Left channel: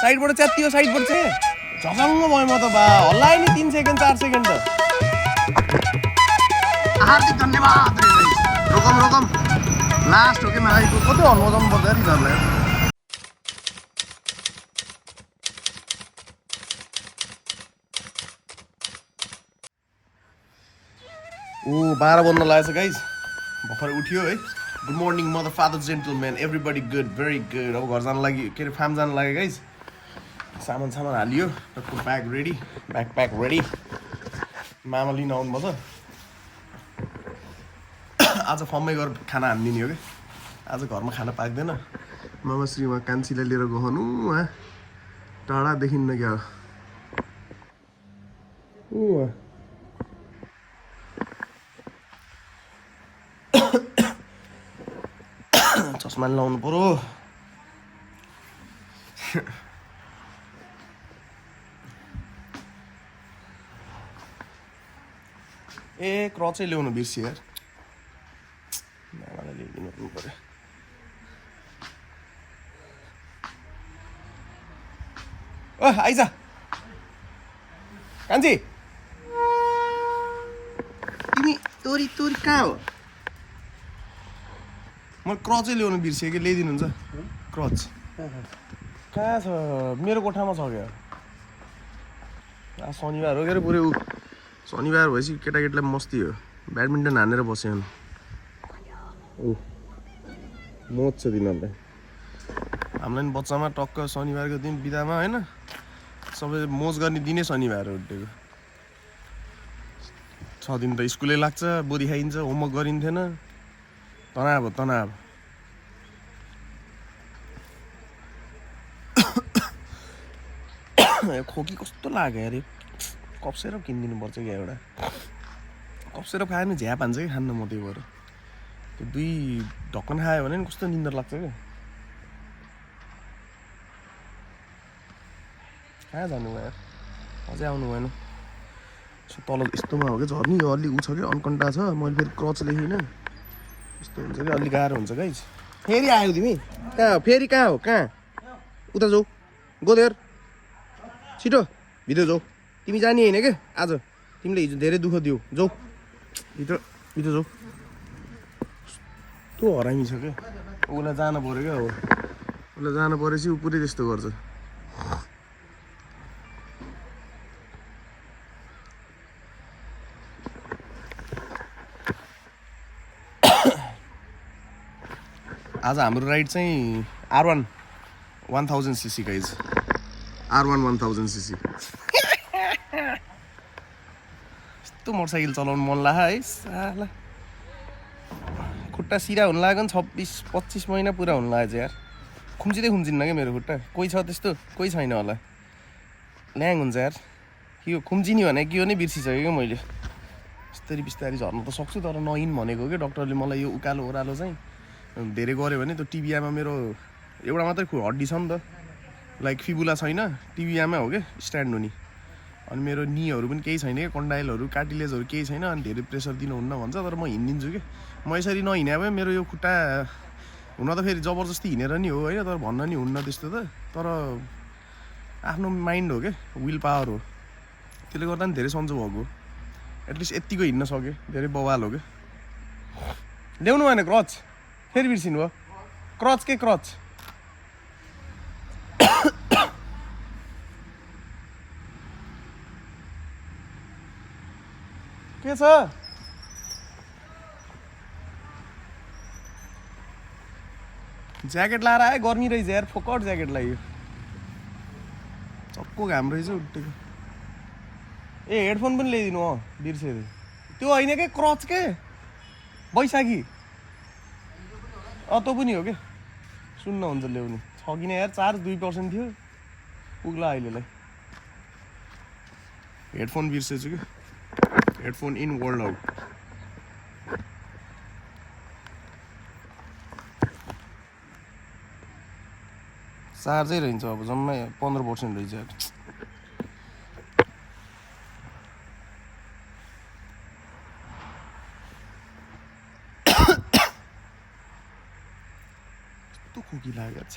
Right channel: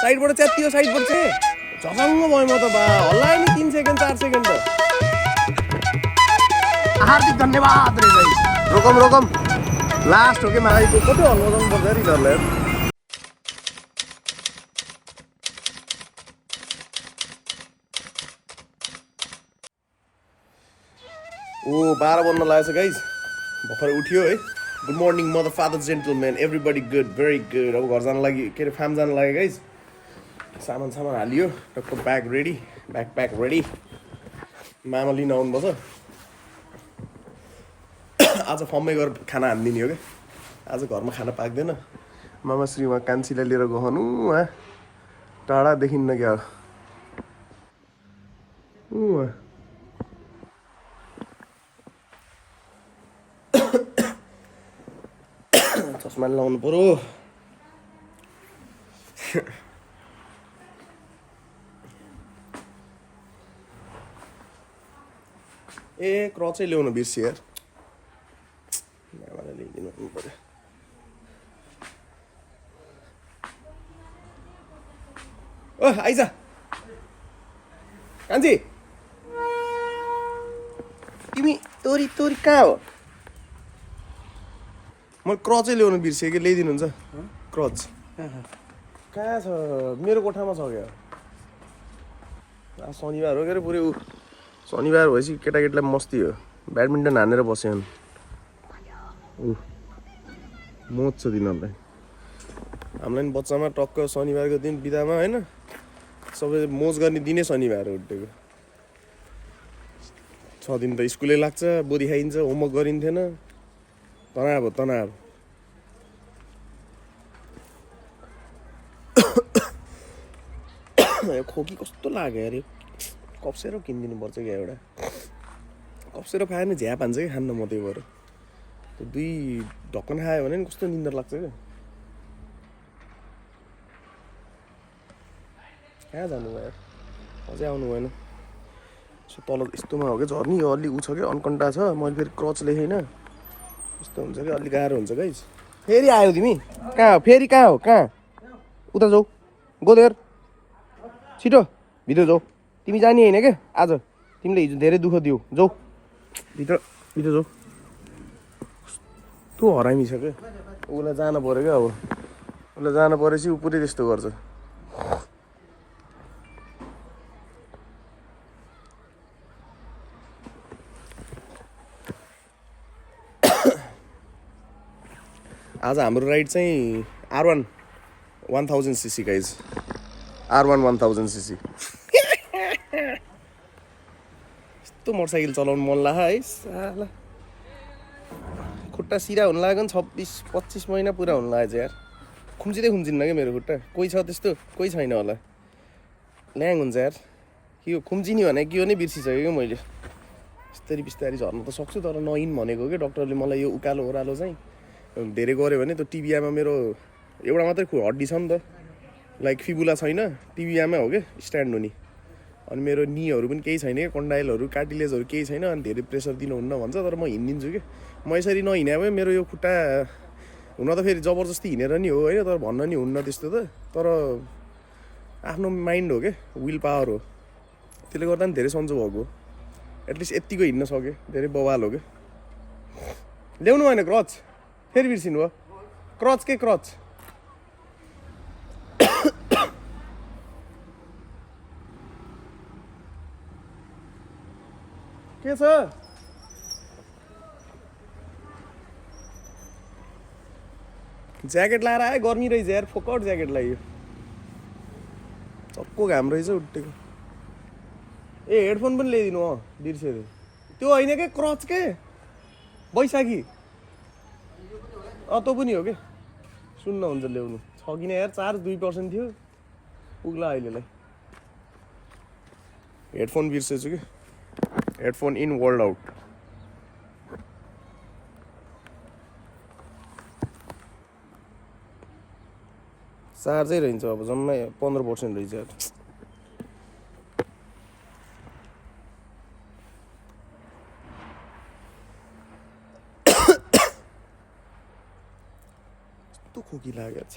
साइडबाट च्यातियो साइडबाट चाहिँ झसङ्ग भयो म त बा हल्ला नि 3 सेकेन्ड 4 सेकेन्ड त हार्दिक धन्यवाद रे गाइस रोकम लास्ट हो के माइको कति हल्ला बजाउनु पर्छ यार यिनीहरूलाई ओ 12 बज्न लागेछ गाइस भर्खर उठ्यो है good morning mother father gentleman everybody good very good अब घर जान लागि के अरे फार्म जान लागि गाइस सामान हालियो टक्क ब्याग रेडी ब्याकप्याक रेडी मामा लिन आउनुपर्छ आज फर्ममै गएर खाना हानिदिने हो कि आज घरमा खाना पाक्दैन मामा श्री उहाँ कान्छीलाई लिएर गहनु उहाँ टाढादेखि न क्या चस्मा लाउनु पर्यो ए क्रचै ल्याउनु बिर्सियो यार ल्याइदिनु पर्यो ओ आइज कान्छी तिमी तोरी कहाँ हो म क्रचै ल्याउनु बिर्सेँ कि ल्याइदिनुहुन्छ क्रच कहाँ छ मेरो कोठामा छ क्या शनिबार हो के अरे पुरै शनिबार भएपछि केटाकेटीलाई मस्ती हो ब्याडमिन्टन हानेर बस्यो मोज छ तिनीहरूलाई हामीलाई नि बच्चामा टक्क शनिबारको दिन बिदामा होइन सबै मोज गर्ने दिनै शनिबार हो उठेको 6 दिन त स्कुलै लाग्छ बोधी खाइन्छ होमवर्क गरिन्थेन तनाव खोकी कस्तो लाग्यो अरे कप्सेर किनिदिनु पर्छ क्या एउटा कप्सेर खायो भने झ्याप हान्छ कि खान्न म त्यही भएर त्यो 2 ढक्कन खायो भने नि कस्तो निन्द्रा लाग्छ क्या कहाँ जानु भयो अझै आउनु भएन यस्तो तल यस्तोमा हो क्या झर्नी यो अलि उ छ क्या अनकन्टा छ मैले फेरि क्रच लेखेन यस्तो हुन्छ कि अलि गाह्रो हुन्छ गाइस फेरि आयो तिमी कहाँ हो फेरि कहाँ हो कहाँ उता जाऊ गोदेर छिटो भित्र जाऊ तिमी जाने होइन क्या आज तिमीले हिजो धेरै दुःख दियो जाऊ भित्र जाऊ तँ हरामी छ क्या उसलाई जानु पऱ्यो क्या अब उसलाई जानु परेपछि ऊ पुरै त्यस्तो गर्छ आज हाम्रो राइड चाहिँ R1 1000cc guys R1 1000cc यस्तो मोटरसाइकल चलाउनु मन लाग्यो है साला खुट्टा सिरा हुनु लाग्यो नि 26-25 महिना पुरा हुनु लाग्यो यार खुम्चिन्न क्या मेरो खुट्टा कोही छ त्यस्तो कोही छैन होला ल्याङ हुन्छ यार के हो खुम्चिने भने के हो नै बिर्सिसक्यो क्या मैले बिस्तारै झर्नु त सक्छु तर नहिन् भनेको क्या डक्टरले मलाई यो उकालो ओह्रालो चाहिँ धेरै गऱ्यो भने त्यो टिबियामा मेरो एउटा मात्रै हड्डी छ नि त लाइक फिबुला छैन टिबियामै हो क्या स्ट्यान्ड हुने अनि मेरो निहरू पनि केही छैन क्या कन्डाइलहरू कार्टिलेजहरू केही छैन अनि धेरै प्रेसर दिनुहुन्न भन्छ तर म हिँडिदिन्छु कि म यसरी नहिँडे भए मेरो यो खुट्टा हुन त फेरि जबरजस्ती हिँडेर नि हो होइन तर भन्न नि हुन्न त्यस्तो त तर आफ्नो माइन्ड हो क्या विल पावर हो त्यसले गर्दा नि धेरै सन्चो भएको एटलिस्ट यत्तिको हिँड्न सक्यो धेरै बवाल हो क्या ल्याउनु भएन क्रच फेरि बिर्सिनु भयो क्रच के क्रच के छ ज्याकेट लाएर आयो गर्मी रहेछ यार फोकट ज्याकेट लाग्यो चक्को घाम रहेछ उठेको ए हेडफोन पनि ल्याइदिनु बिर्सेँ त्यो होइन के क्रच के बैशाखी तँ पनि हो कि सुन्न हुन्छ ल्याउनु छ कि न यार 4-2% थियो पुग्ला अहिलेलाई हेडफोन बिर्सेछु कि हेडफोन इन वर्ल्ड आउट चार्जै रहन्छ अब जम्मै 15% रहेछ यार खोकी लागेको छ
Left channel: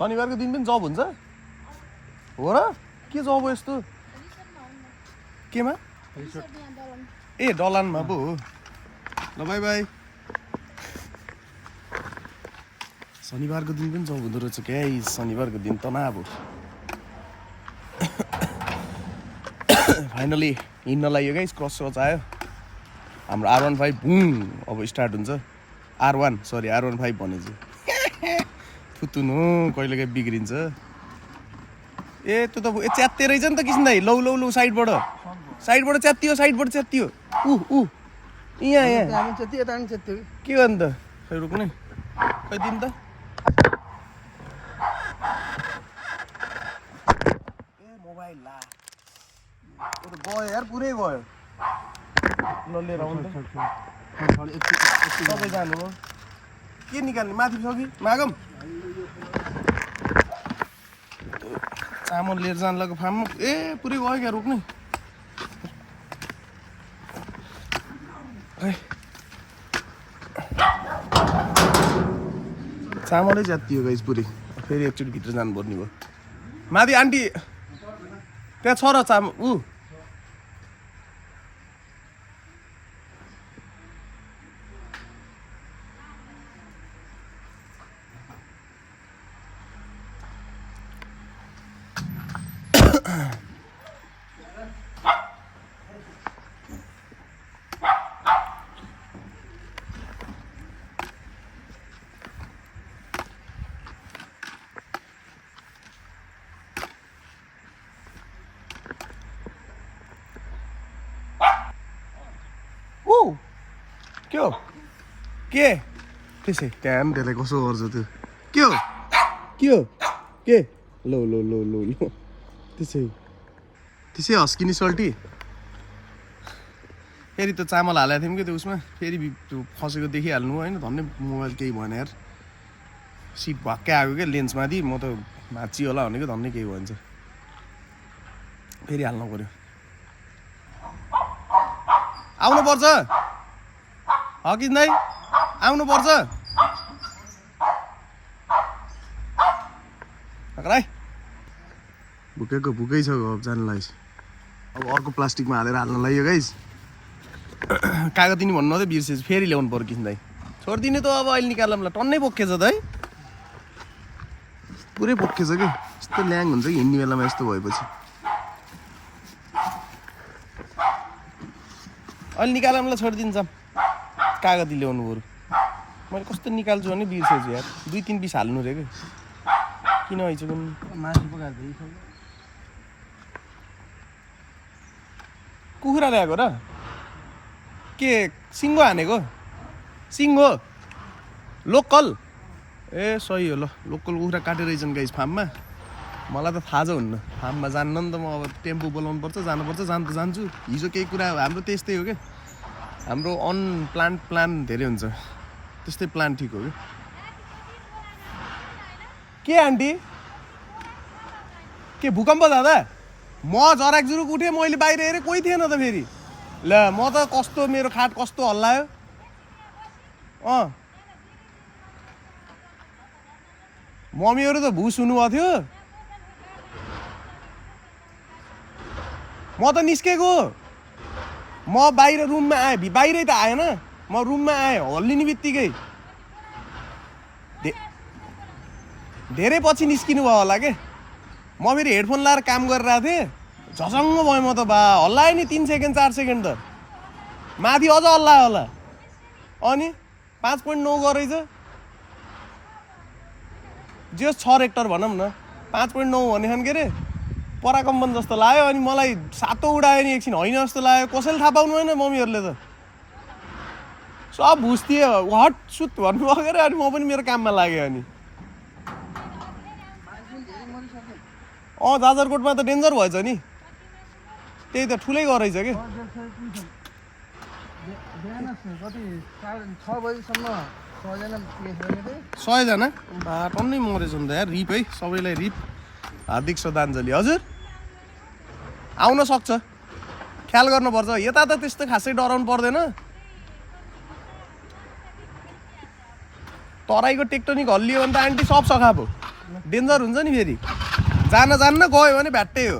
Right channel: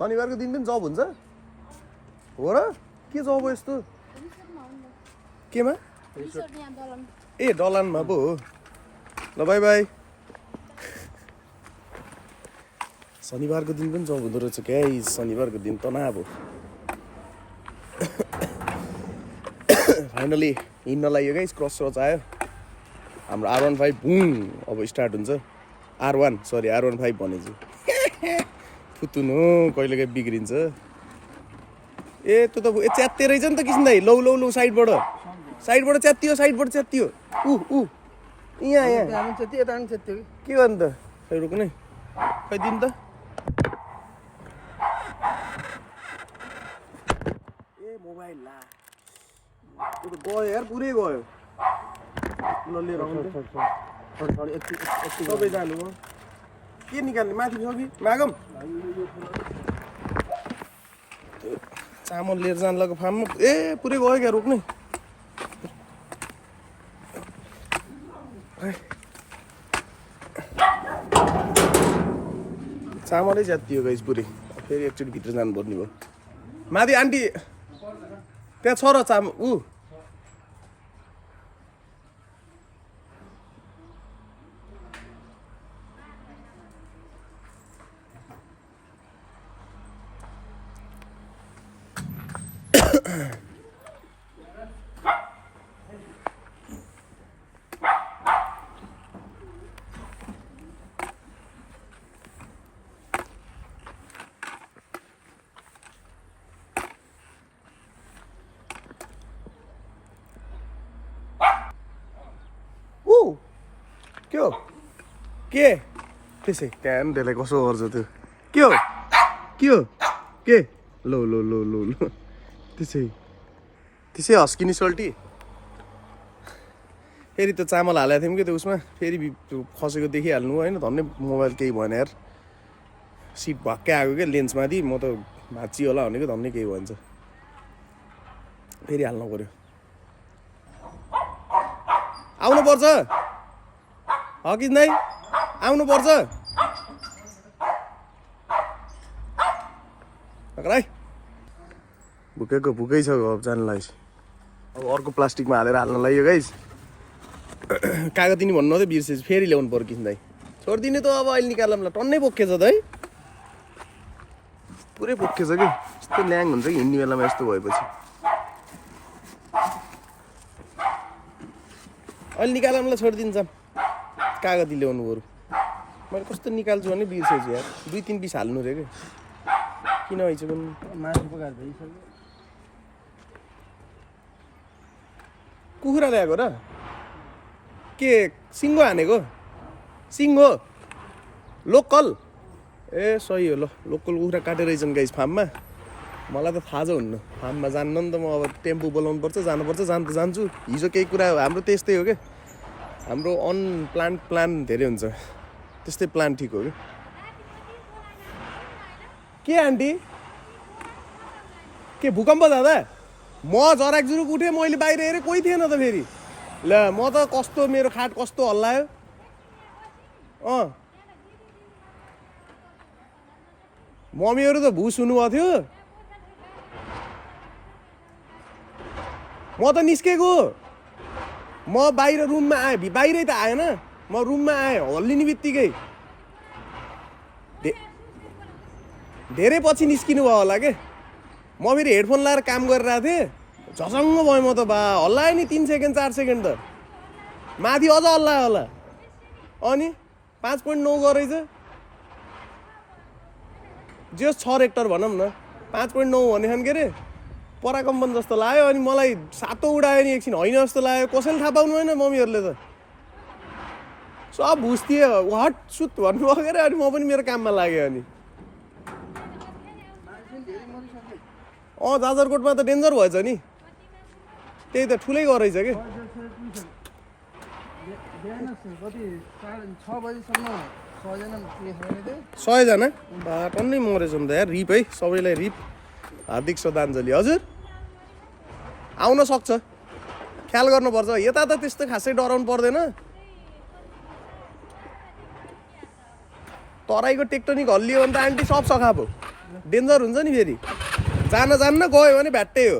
शनिबारको दिन पनि जब हुन्छ हो र के जब हो यस्तो केमा ए डलानमा पो हो ल बाई बाई शनिबारको दिन पनि जब हुँदो रहेछ क्या शनिबारको दिन तनाव हो फाइनली हिँड्न लाग्यो गाइस क्रस सच आयो हाम्रो R15 बुम अब स्टार्ट हुन्छ R15 भनेछु थुतुन हो कहिले काहीँ बिग्रिन्छ ए त्यो त च्यात्ते रहेछ नि त किसिम दाइ लौ लौ लौ साइडबाट च्यात्तियो यहाँ के गर्नु त खै रोक्ने खै दिन त ए मोबाइल ला गयो यार पुरै गयो ल लिएर आउनु सबै जानु हो के निकाल्ने माथि छ कि मागम चामल लिएर जानु लाग्यो फार्ममा ए पुरै गयो क्या रोक्ने चामलै च्यात्तियो गाइस पुरै फेरि एकचोटि भित्र जानुपर्ने भयो माथि आन्टी त्यहाँ छ र चामल के हो के त्यसै क्याम त्यसलाई कसो गर्छ त्यो के हो के लो लो लो लो लो त्यसै हस्किने सल्टी फेरि त चामल हालेको थियौँ कि त्यो उसमा फेरि त्यो फसेको देखिहाल्नु होइन धन्नै मोबाइल केही भएन यार सिट भक्कै आएको क्या लेन्समाथि म त भाँच्ची होला भनेको धन्नै केही भन्छ फेरि हाल्नु पऱ्यो आउनुपर्छ हकिन दाइ आउनुपर्छ भुकेको भुकै छ अब जानलाई अब अर्को प्लास्टिकमा हालेर हाल्न लाग्यो गाइस कागती नि भन्नु मात्रै बिर्सेछु फेरि ल्याउनु पर्यो किसिम दाइ छोडिदिने त अब अहिले निकाल्नुलाई टन्नै बोकेछ त है पुरै बोकेछ कि यस्तो ल्याङ हुन्छ कि हिँड्ने बेलामा यस्तो भएपछि अहिले निकाल्नुलाई छोडिदिन्छ कागती ल्याउनु बरु मैले कस्तो निकाल्छु भने बिर्सेछु यार 2-3 पिस हाल्नु रे कि किन भइछ पनि कुखुरा ल्याएको र के सिङ्गो हानेको सिङ्गो लोकल ए सही हो ल लोकल कुखुरा काटेर रहेछन् गाइस फार्ममा मलाई त थाहा छ हुन्न फार्ममा जान्न नि त म अब टेम्पो बोलाउनु पर्छ जानुपर्छ जान्छु हिजो केही कुरा हाम्रो त्यस्तै हो क्या हाम्रो प्लान धेरै हुन्छ त्यस्तै प्लान ठिक हो के आन्टी के भूकम्प दादा म जराक जुरुक उठेँ मैले बाहिर हेरेँ कोही थिएन त फेरि ल म त कस्तो मेरो खाट कस्तो हल्लायो मम्मीहरू त भुस हुनुभएको थियो म त निस्केको म बाहिर रुममा आएँ बाहिरै त आएन म रुममा आएँ हल्लिने बित्तिकै धेरै पछि निस्किनु भयो होला के म फेरि हेडफोन लाएर काम गरिरहेको थिएँ झसङ्ग भयो म त बा हल्लायो नि 3 सेकेन्ड 4 सेकेन्ड त माथि अझ हल्लायो होला अनि 5.9 गरेछ जे 6 रेक्टर भनौँ न 5.9 भनेछन् के अरे पराकम्पन जस्तो लाग्यो अनि मलाई सातो उडायो नि एकछिन होइन जस्तो लाग्यो कसैले थाहा पाउनु होइन मम्मीहरूले त सब भुस्दिए हट सुत भन्नुभयो के अरे अनि म पनि मेरो काममा लाग्यो अनि जाजरकोटमा त डेन्जर भएछ नि त्यही त ठुलै गरेछ कि 100 जना टन्नै मरेछ नि त यार रिप है सबैलाई रिप हार्दिक श्रद्धाञ्जली हजुर आउन सक्छ ख्याल गर्नुपर्छ यता त त्यस्तो खासै डराउनु पर्दैन तराईको टेक्टोनिक हल्लियो भने त आन्टी सब सखा भयो डेन्जर हुन्छ नि फेरि जान्न गयो भने भ्याट्टै हो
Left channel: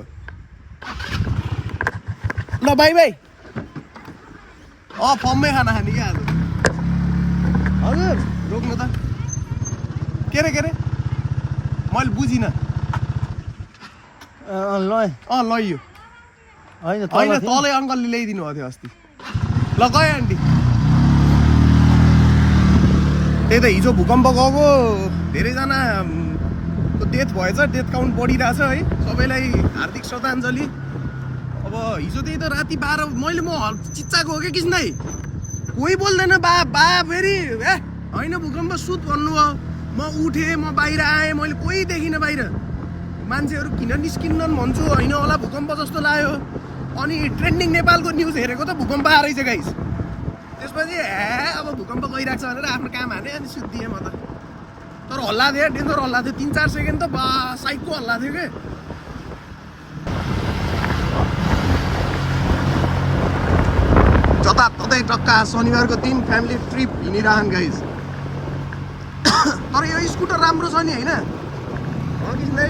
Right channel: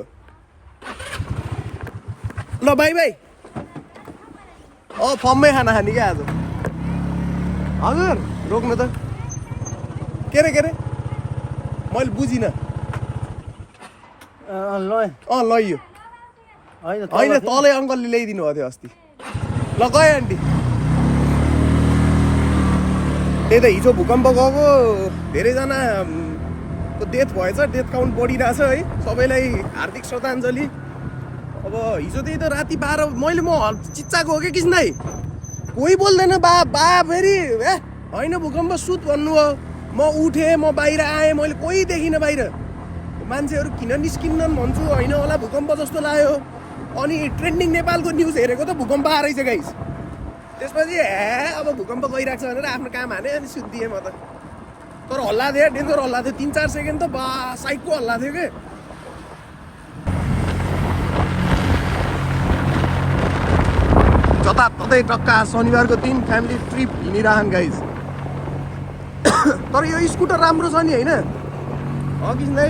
ल बाई फर्ममै खाना खाने क्या आज हजुर रोक्नु त के रे मैले बुझिनँ लैयो होइन तलै अङ्कलले ल्याइदिनु भएको थियो अस्ति ल गयो आन्टी त्यही त हिजो भूकम्प गएको धेरैजनाको डेथ भएछ डेथ काउन्ट बढिरहेछ है सबैलाई हार्दिक श्रद्धाञ्जली अब हिजो त्यही त राति 12 मैले म चिच्चाको हो कि किस्नै कोही बोल्दैन बा फेरि ए होइन भूकम्प सुत भन्नुभयो म उठेँ म बाहिर आएँ मैले कोही देखिनँ बाहिर मान्छेहरू किन निस्किन्नन् भन्छु होइन होला भूकम्प जस्तो लाग्यो अनि ट्रेन्डिङ नेपालको न्युज हेरेको त भूकम्प आएछ गाइस त्यसपछि अब भूकम्प गइरहेको छ भनेर आफ्नो काम हाने अनि सुत्दिएँ म त तर हल्ला थियो डेन्जर हल्ला थियो 3-4 सेकेन्ड त बा साइकको हल्ला थियो के जताततै टक्का शनिबारको दिन फ्यामिली ट्रिप हिँडिरहन् गाइस तर यो स्कुटर राम्रो छ नि होइन किसिमले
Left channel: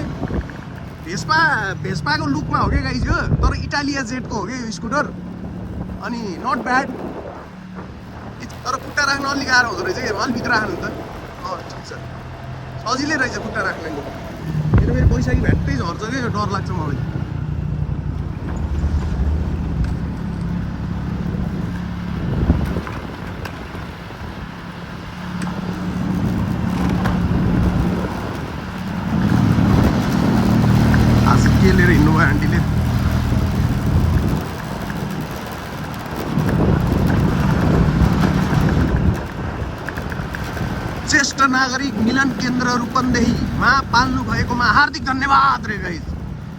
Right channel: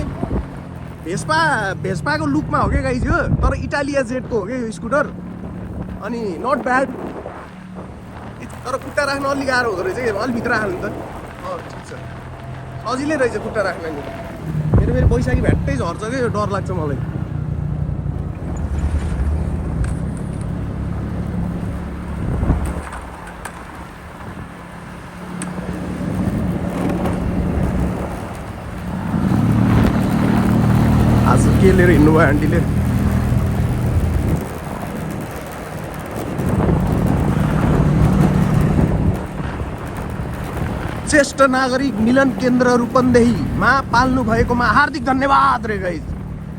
भेस्पाको लुकमा हो क्या गाइस यो तर इटालिया जेटको हो क्या यो स्कुटर अनि नट ब्याड तर खुट्टा राख्न अलिक गाह्रो हुँदो रहेछ अलिक भित्र राख्नु त ठिक छ सजिलै रहेछ खुट्टा राख्न नि मेरो फेरि पैसा कि भ्याट्टै झर्छ क्या यो डर लाग्छ मलाई आज के लिएर हिँड्नु भयो आन्टीले ज्येष्ठ नागरिक मिलन केन्द्र रूपन्देहीमा पाल्नु भएकोमा हार्दिक धन्यवाद रे गाइस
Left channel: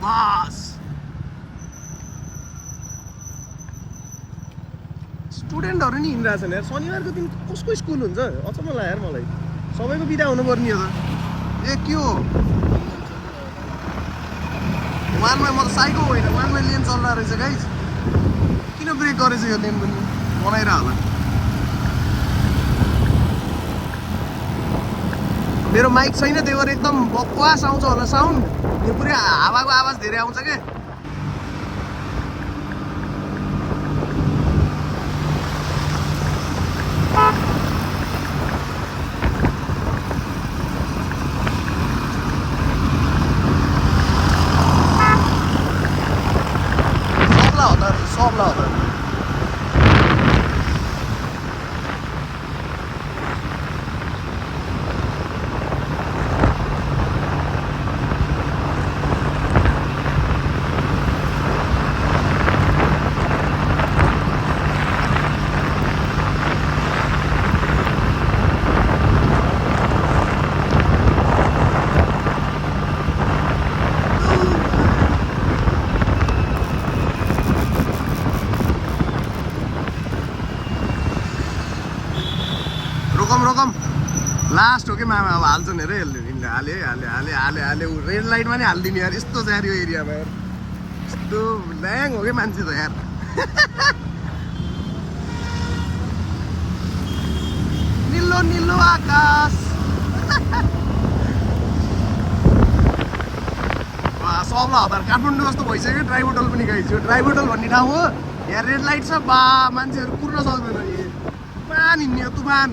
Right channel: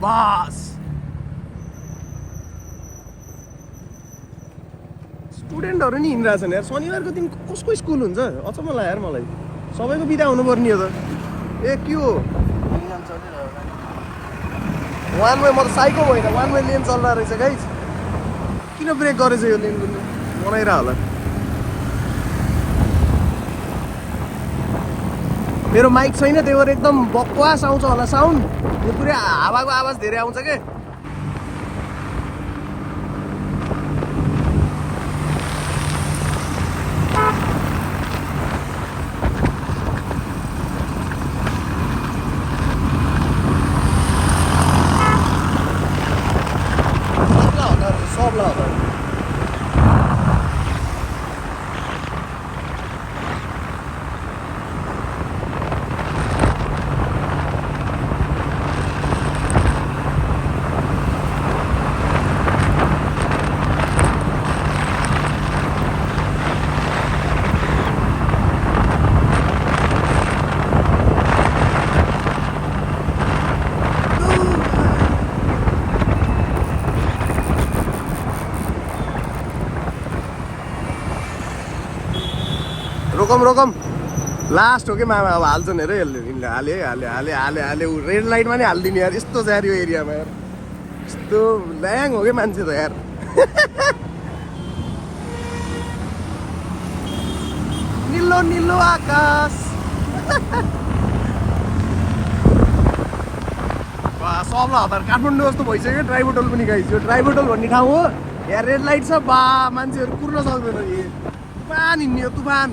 बस स्टुडेन्टहरू नि हिँडिरहेछन् यार शनिबारको दिन कसको स्कुल हुन्छ अचम्म लाग्यो यार मलाई सबैको बिदा हुनुपर्ने हो त ए के हो वान वे म त साइको होइन वान वे लेन चल्दा रहेछ गाइस किन ब्रेक गरेछ यो लेन पनि बनाइरह होला मेरो माइक छैन त्यही भएर एकदम बकवास आउँछ होला साउन्ड यो पुरै हावाको आवाज धेरै आउँछ के रोकम लास्ट हो कि मामा अब हाल्छन् हेर यसले हाले रेड लाइटमा नि हालिदिने यार यस्तो छ यार यो एरियामा यार यस्तो ल्याङ हो कि मान्छे त यार निलो निलो आकाश सबलाई हतार काठमाडौँ जस्तो भइसक्यो ड्राइभोटल पनि गाइस यो ड्राइभोटल भन्ने ठाउँ हो यहाँ रेड लाइट छ बा मान्छेहरू कुर्न सक्दैन तुफान हिँड्ने हो तुफान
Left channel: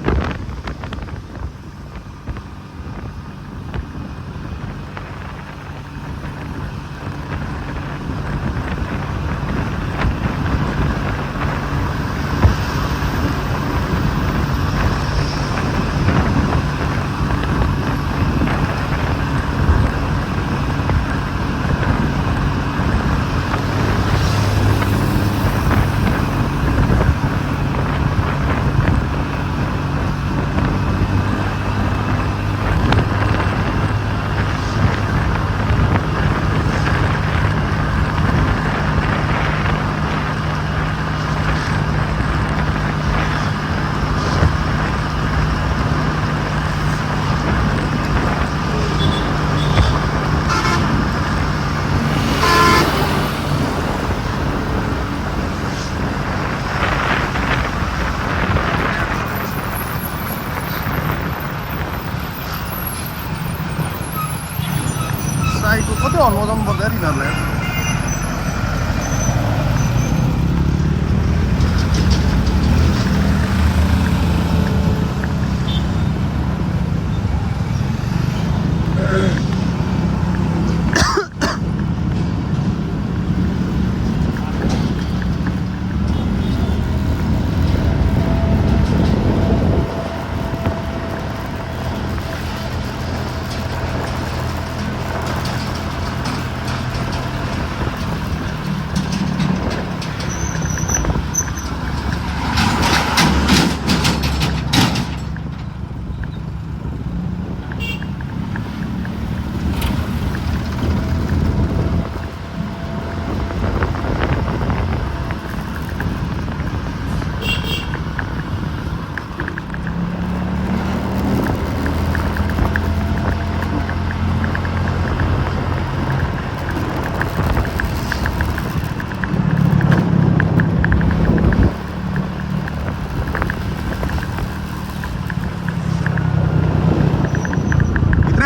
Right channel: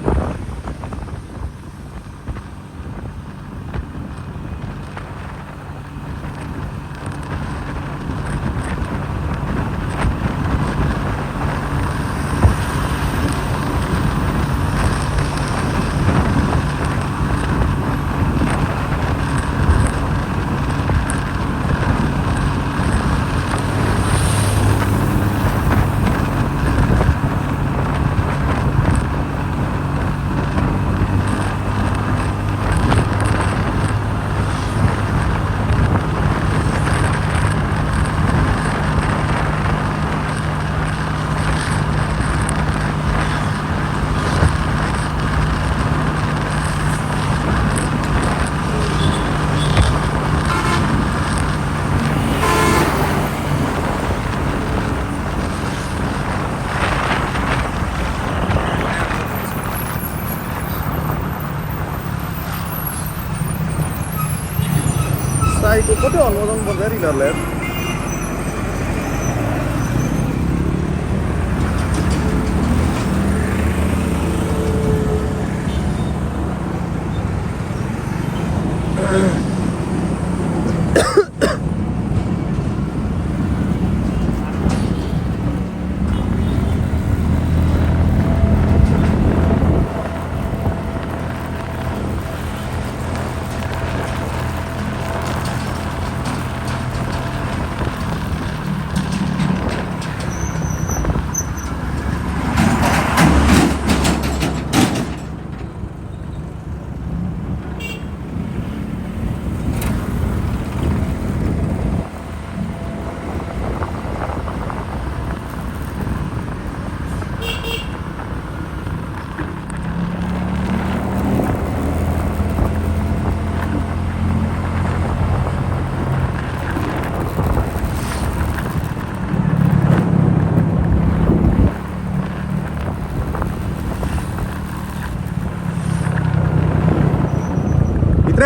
हर्न बजाउनु पर्छ यार यिनीहरूलाई।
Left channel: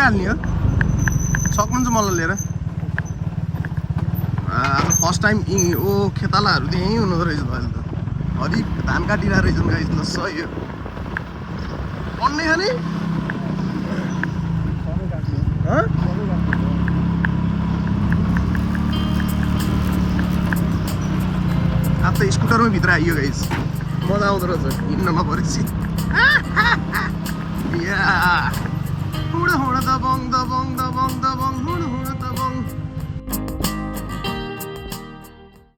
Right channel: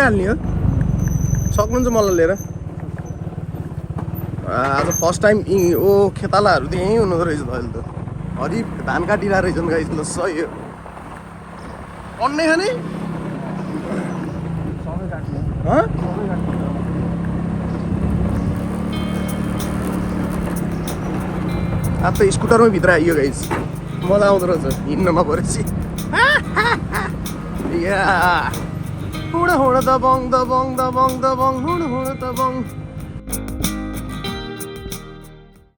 हाल्ने हो सक्नुहुन्छ मलाई लिएर आज फर्स्ट टाइम ओ खेतालाहरू त यहीँ हुनुहुँदो रहेछ त अहिले त हरि धान काटिरहेको रहेछन् गाइस ल सही हो पढ्ने खाने अब त स्कुटरमै भित्र आइयो गाइस मजा आउँदो रहेछ हिँड्नमा परेपछि या हुँड हुँड दबङ दबङ दबङ दबङ हुँड हुँड दबङ